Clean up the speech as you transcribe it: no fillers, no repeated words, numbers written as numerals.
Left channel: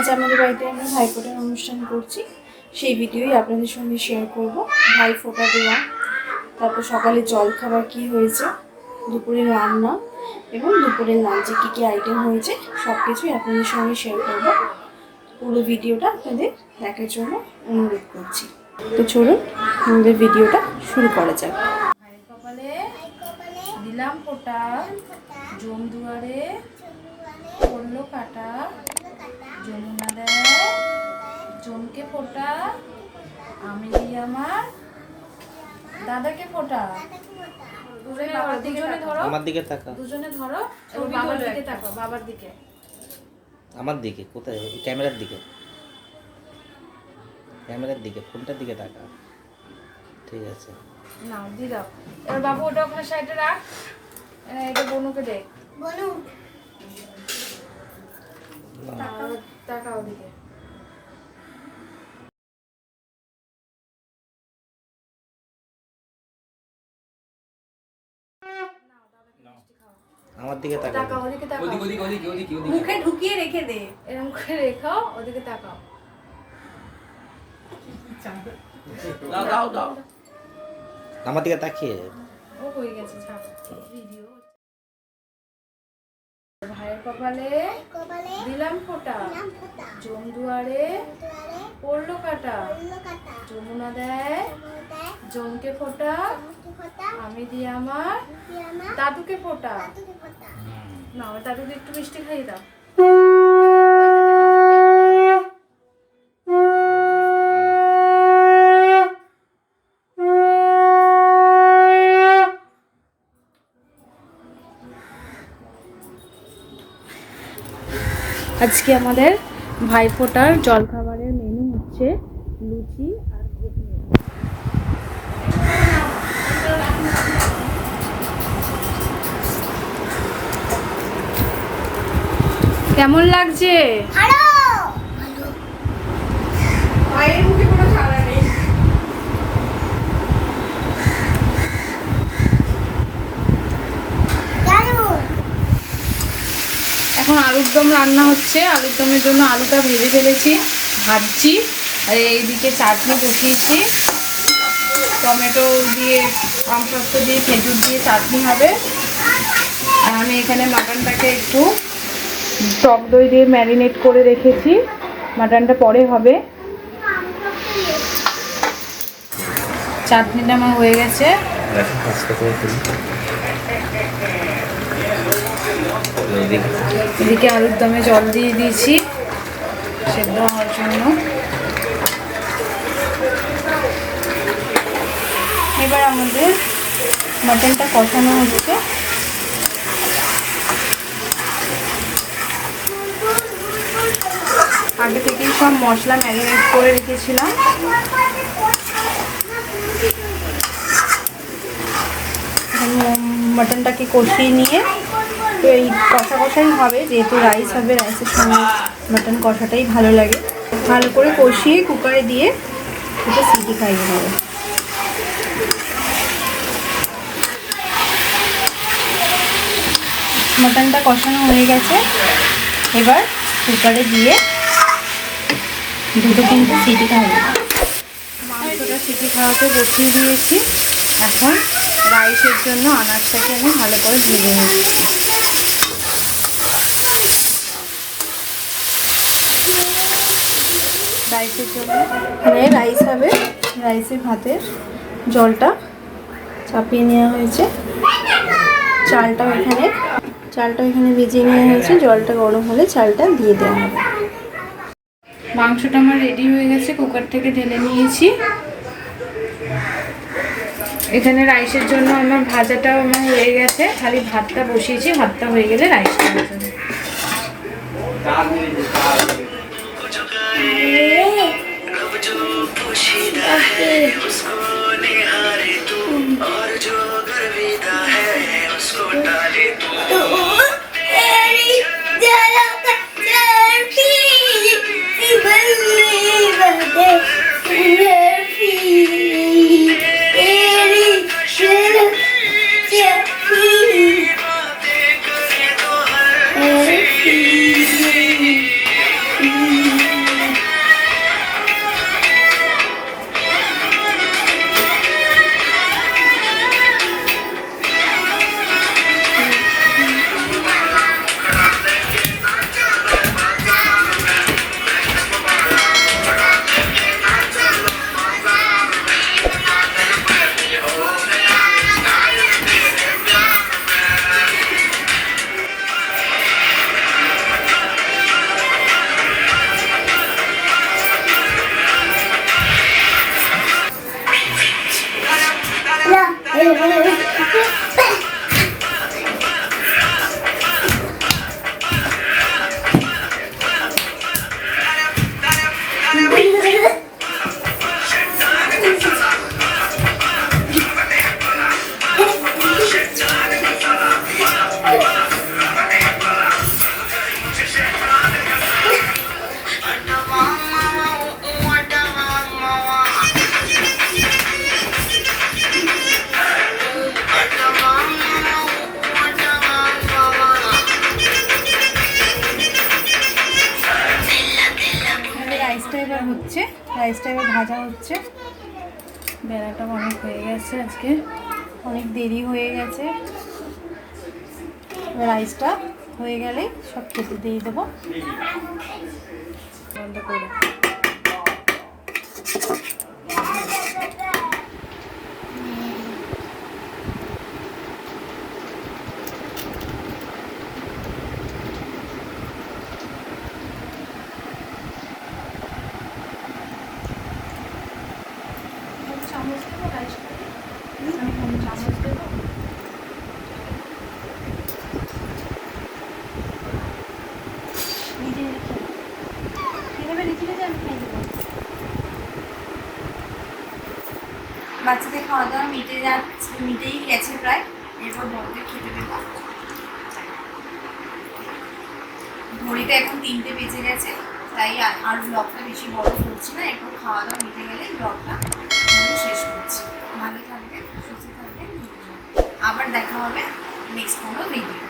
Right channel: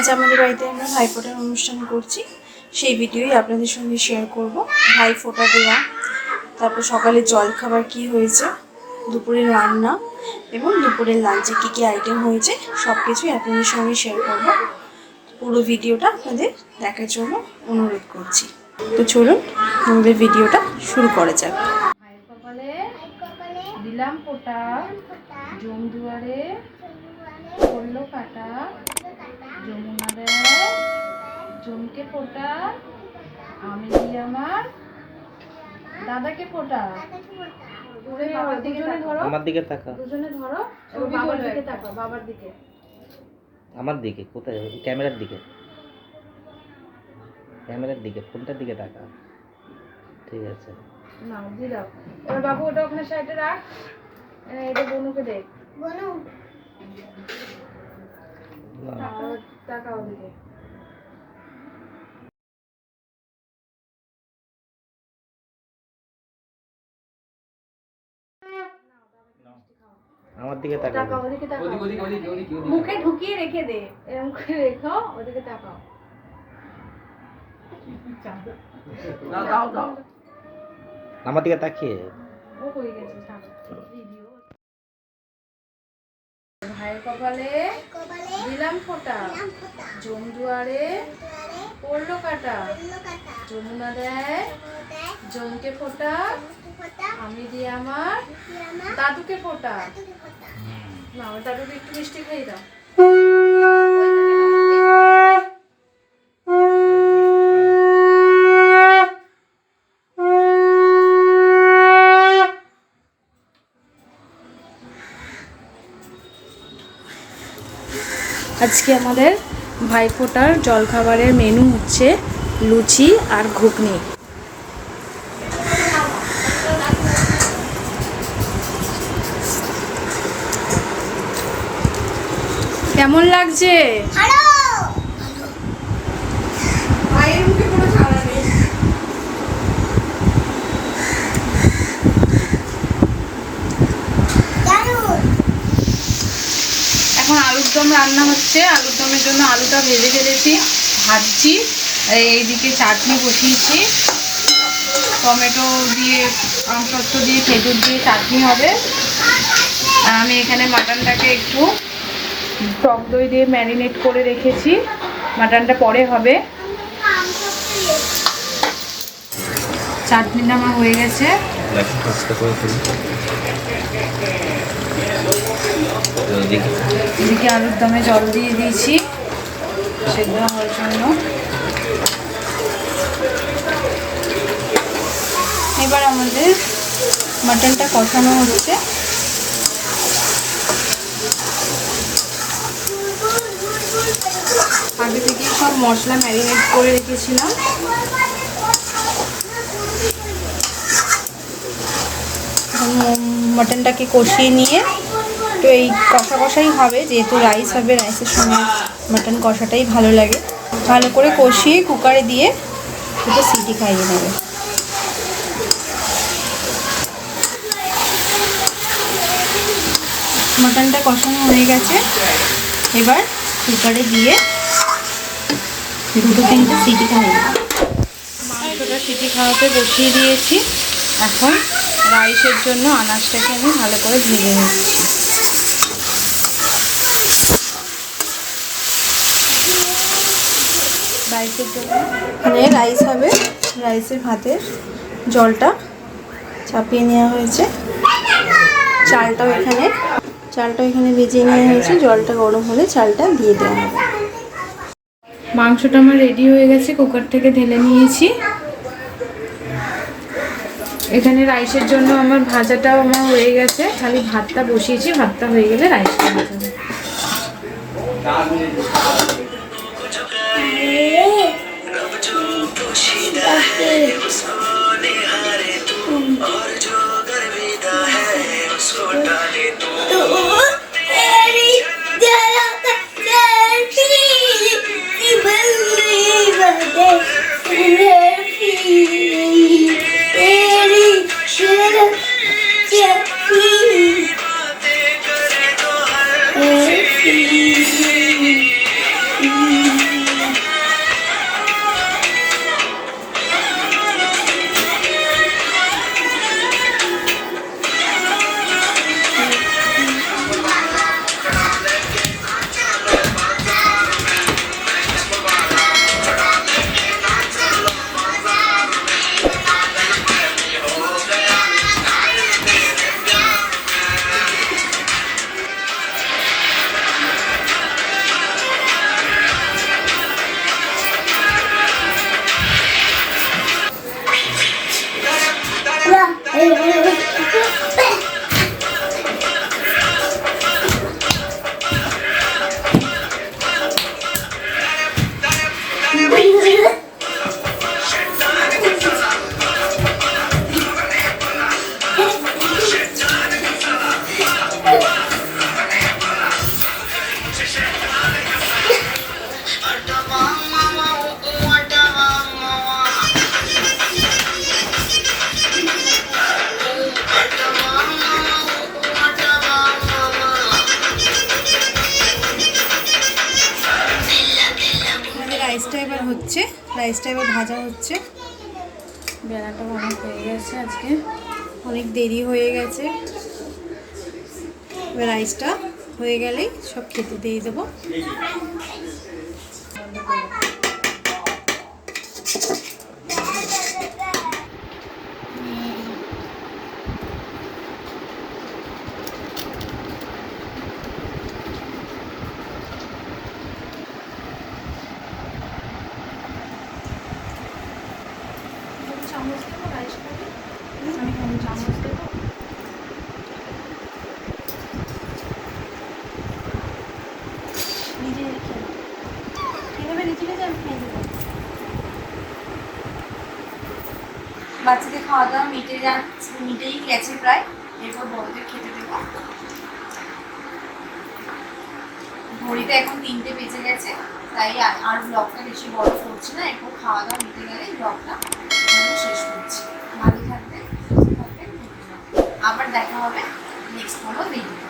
আজ আমাদের বাড়িতে আমরা ভাইফোঁটার অনুষ্ঠান করছি, সেই ভিডিওই আপনাদের সঙ্গে শেয়ার করব। ভাইফোঁটা দেওয়া, তারপর সকালে জলখাবার কি হয়েছে, দুপুরের রান্না এবং দুপুরের লাঞ্চে কী কী আইটেম হয়েছে সব কিছুই আপনাদের সঙ্গে শেয়ার করব। পুরো ভিডিওটা আপনাদের দেখার জন্য অনুরোধ করছি। তো চলুন আমাদের ভিডিওটা শুরু করা যাক। ভাইয়ের কপালে দিলাম ফোঁটা, জম দুয়ারে পড়লো কাটা, যমুনা দেয় জমকে ফোঁটা, আমি দিই আমার দাদাকে ফোঁটা। দুজনে ধরো, আমার দিকে তাকাও, দুজনে ধরো এবং বাবার দিকে তাকাও, বাবার দিকে। আমার দিকে কোথায়? ক্যামেরার দিকে, ক্যামেরার দিকে, ফোনটার দিকে তাকাও। ঠিক আছে, নাও দিয়ে দাও। এবার বাবু ওটা ওখানে সাইডে রাখ, এটা বনুকে দে। বনু তাকাও দিকে। আমার দিকে তাকাও, ওদিকে তাকাও, মুখে ঢুকিয়ে রেখে দে, এরকম করে রেখো, ওদিকে তাকাও। আমার দিকে তাকিয়ে। ও হয়ে গেছে, ছাড়ো ভিডিও। ভাইয়ের কপালে দিলাম ফোঁটা, জম দুয়ারে পড়লো কাটা, যমুনা দেয় জমকে ফোঁটা, আমি দিই আমার দাদুকে ফোঁটা। না, ওই দাদুকে একটু মিষ্টি খাইয়ে দাও। আজকে আমাদের ভাইফোঁটার জলখাবারের মেনু হচ্ছে লুচি আর ঘুগনি। কেমন লাগছে? এখন আলুর দম রান্না হচ্ছে। আলুর দমের জন্য আলুটা ভেজে ফেলেছি, ভাজছি। আর এইদিকে চাটনি বসিয়েছি, টমেটো দিয়ে, আমসত্ব দিয়ে, খেজুর দিয়ে চাটনি হবে। আর আমি এখানে মাটনটাকে একটু টক দই দিয়ে ম্যারিনেট করে রেখেছি, মাটনটা পরে হবে। চাটনিটা আমার হয়ে গেছে। এদিকে আলুর দমে জল দিয়ে দিয়েছি সেদ্ধ হওয়ার জন্য। এবার আমাদের মাটনটা কষানো হচ্ছে। আগে থেকেই সব মশলা ম্যারিনেট করে রেখেছিলাম। মাটনটাকে কষিয়ে নিয়ে, তো এই কষা কষাই হবে, যেহেতু রাইস হবে, রাইসের সঙ্গে মাটন কষাটাই ভালো লাগে। ভালো করে কষিয়ে কুকারে দিয়ে দুটো সিটি খাইয়ে নেবে। মাটনটা কষানো হয়ে গেছে, এবার কুকারে দিয়ে দুটো তিনটে সিটি খাইয়ে নেবে। মাংসটা সিটি খাওয়াতে বসিয়ে দিয়েছি। এখন রাইসের জন্য আনাজটাকে আমি ভালো করে ভেজে নিচ্ছি। রাইসের জন্য এখানে রাইস হবে, রাইসের ভাতের জলটা চাপিয়ে নেওয়া হয়েছে। চালটাও এখানে ভিজিয়ে নেওয়া হয়েছে। জলটা গরম হলে চালটা দিয়ে দেওয়া হবে। মাংসটা আমার রেডি হয়ে গেছে, কুকার থেকে ঢেলে নিয়েছি। এখানে রাইসের জন্য আমার ভাজাটাও আমার হয়ে গেছে, খালি ভাতটা বসিয়েছি। ভাতটা হয়ে গেলে রাইসটা হবে। রাইসটা এবার হচ্ছে, রাইসটা এবার ভাজা হচ্ছে। বেলাটা অনেক হয়ে গেছে, আজকে অনেক দেরি হয়ে গেছে। এবার রাইসটা হয়ে গেলেই সব খেতে দিয়ে দেবো। বন্ধ করে বাচ্চাদের খাওয়া দাওয়া মিটেই গেছে প্রায়। এরপর বড়দের খেতে দেবো। ঘড়িতে এখন 3টে বেজে গেছে, তাই আর ব্লগটা বেশি বড় করছি না। এরপর খাওয়া দাওয়া মিটে গেলেই ব্লগটা শেষ করছি। ভালো থাকবেন, সুস্থ থাকবেন, আবার দেখা হবে নেক্সট কোনো ভিডিও।